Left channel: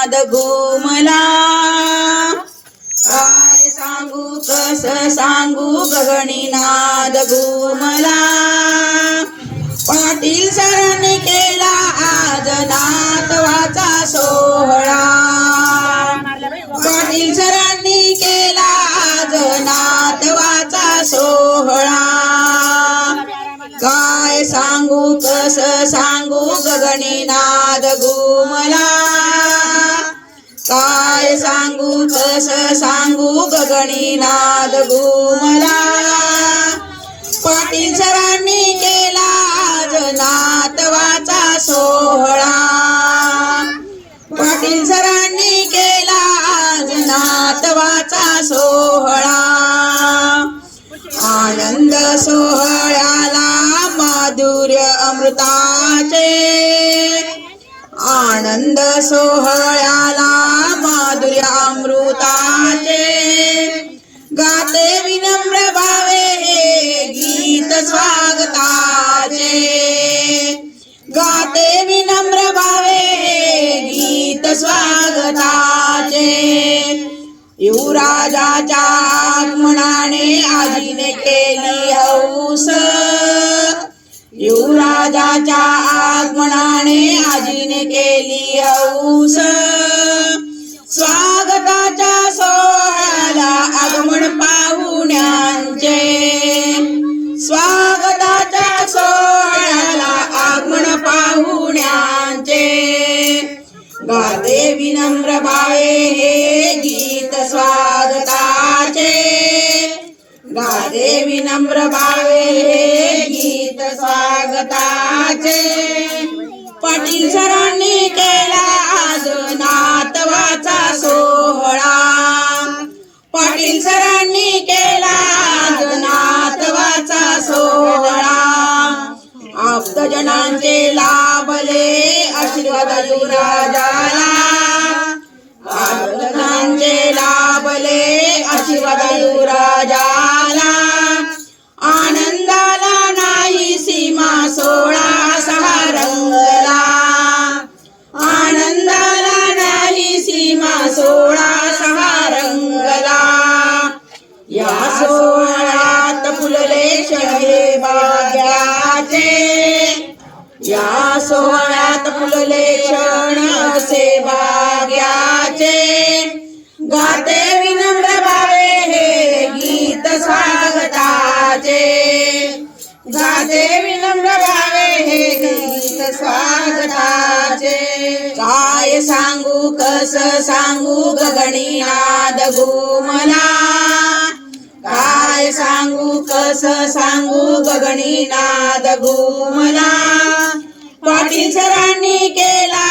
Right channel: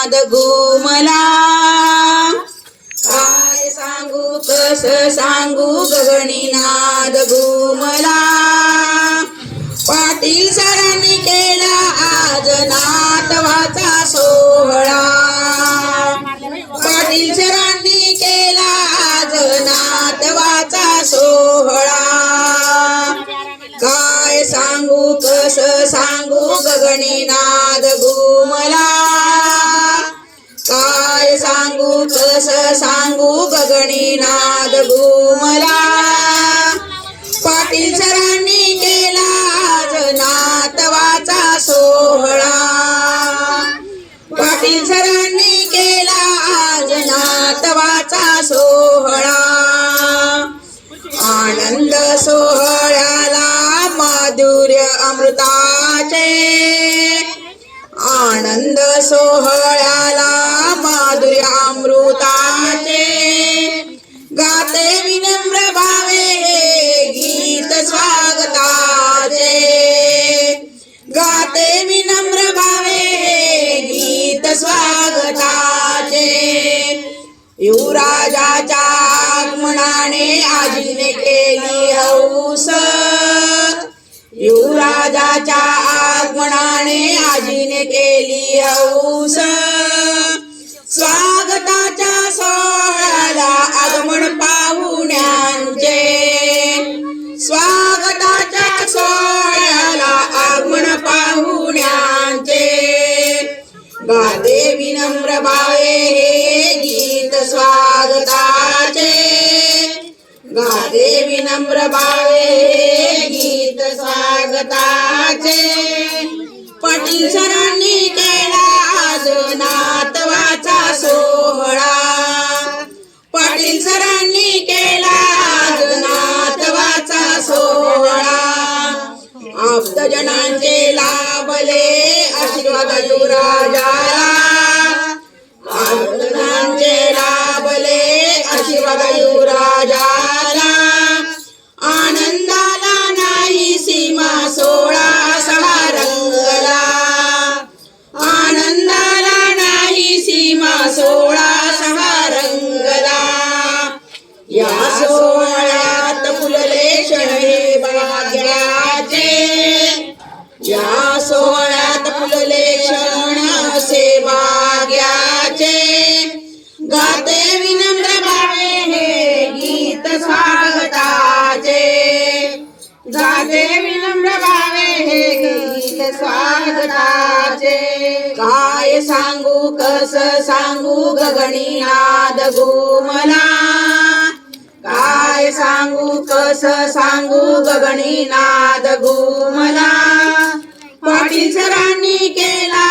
नाद घुमला काय सांगू कस सांगू गगणी नाद घुमला पाटील सरांनी केला आज नातवाचा सोहळा. पाटील सरांनी केला आज नातवाचा सोहळा. काय सांगू कस सांगू गगणी नाद घुमला काय सांगू कस सांगू गगणी नाद घुमला. पाटील सरांनी केला आज नातवाचा सोहळा. पाटील सरांनी केला आज नातवाचा सोहळा. आनंद सोहळ्याला माधुर्य अमृताचे. आनंद सोहळा गाते विनम्र भावे हे गीत स्वागताचे. गाते विनम्र भावे हे गीत स्वागताचे. युवराजाच्या आगमनाने आजीने केली हौस. युवराजाच्या आगमनाने आजीने केली हौस. गाते विनम्र भावे हे गीत स्वागताचे. गाते विनम्र भावे हे गीत स्वागताचे. पाटील सरांनी केला आज नातवाचा सोहळा. पाटील सरांनी भक्तजनांचे लाभले आशीर्वाद युवराजाला भक्तजनांचे लाभले आशीर्वाद युवराजाला आनंदाला नाही सीमा सोळा सहा रंगला. आनंदाला नाही सीमा सोळा सहा रंगला. या सोहळ्यात फुलले शहे देवाचे. या सोहळ्यात फुलले क्षण सेवा भाग्याचे. गाते विनम्र भावे हे गीत स्वागताचे. गाते विनम्र भावे हे गीत स्वागताचे. काय सांगू कस सांगू गगणी आद घुमला सांगू कस सांगू गगणी नाद घुमला. पाटीसरांनी केला.